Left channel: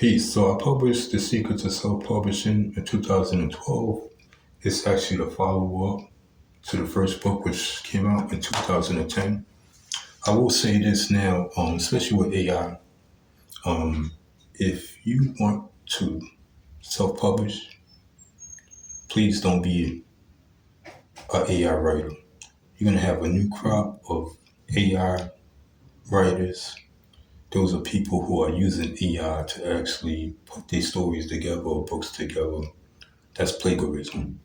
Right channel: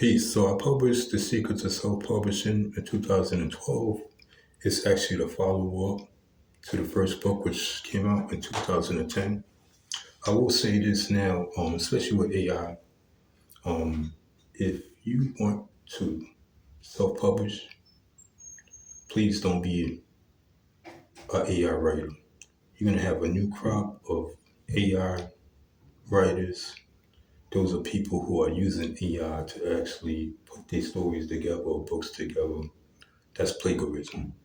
Peace. So I published The Secrets of Self-Publishing in 2012. It's actually the follow-up to the first book, which came out in 2010. I will say this now, especially with AI. If you want to self-publish, please don't be an AI writer. You're gonna have a new crop of AI writers. Those are people who are using AI to actually put their stories together or books together. That's plagiarism.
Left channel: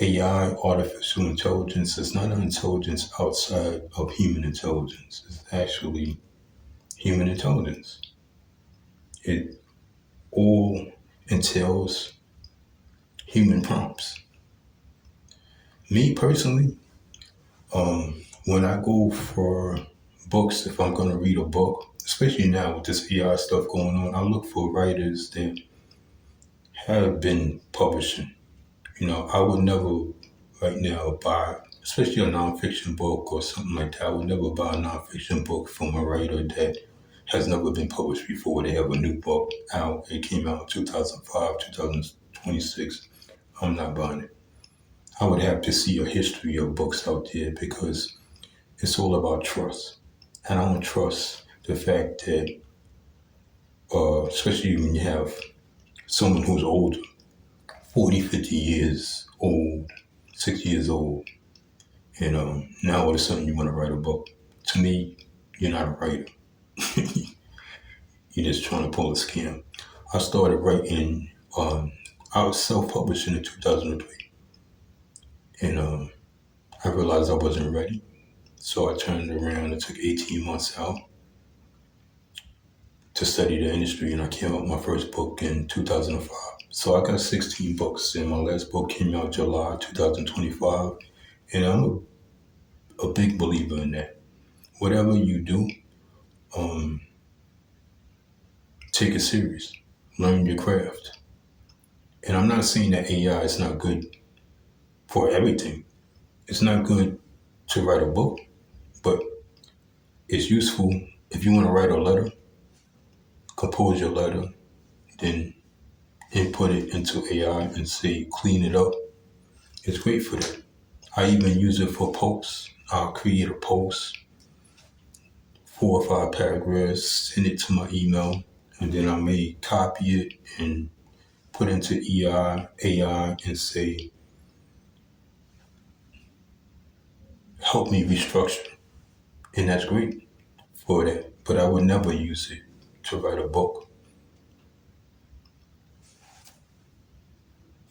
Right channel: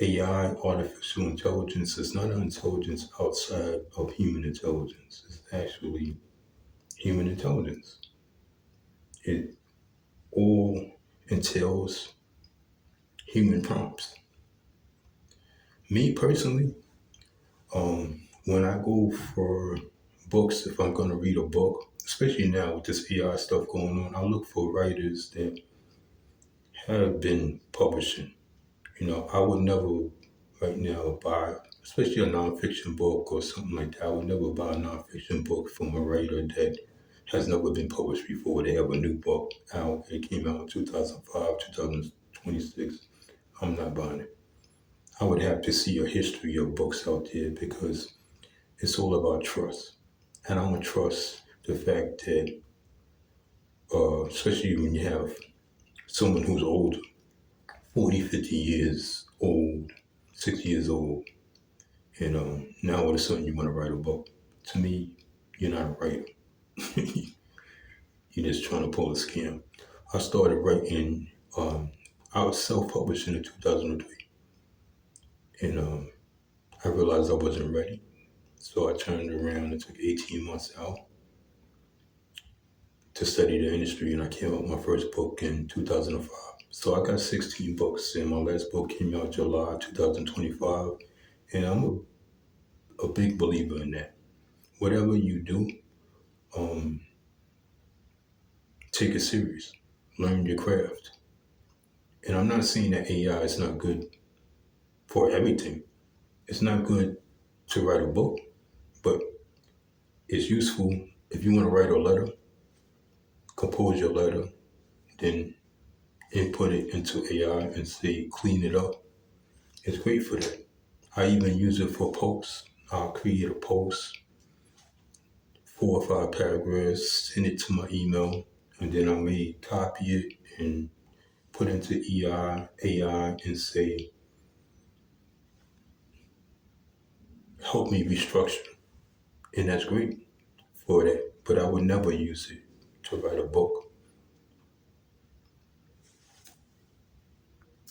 AI, artificial intelligence, is not an intelligence outside of human intelligence. It's actually human intelligence. It all entails human prompts. Me personally, when I go for books, if I'm going to read a book, especially now with this AI stuff going on, I look for writers that have been publishing. I would never right now buy, especially a nonfiction book or something like that. I would never buy a nonfiction book from a writer that has never been published before. They have a new book out. It came out in 2005, 2026. I'm not buying it. I would have to see a history of books out there because it's all about trust. And I don't trust the fact that, especially when you have someone who's older, 40, 50 years old, 60 years old, now all of a sudden you want to write a book. To me, you're not a writer. You're just trying to pull a scam. I started writing, I was self-publishing in 2003. And I realized I wasn't ready. So I turned around and took 18 months out to study the industry. And I came out with my first book in 2005. So I got 16 books. And my last book came out July 2025. And I'm a big believer in that. Whatever you do, take it serious. Learn your craft. And I'm not saying that AI is not good for everything. It's not good to write a book, but it's useful if you want to write a letter, compose your letter, then input it into AI and say clean it up. It's great for that. I even use it for posts. I'll create a post, 4 or 5 paragraphs, send it to my email, and then I may copy it and put into AI and say, help me restructure. And that's great for that. But I would never use it to write a book.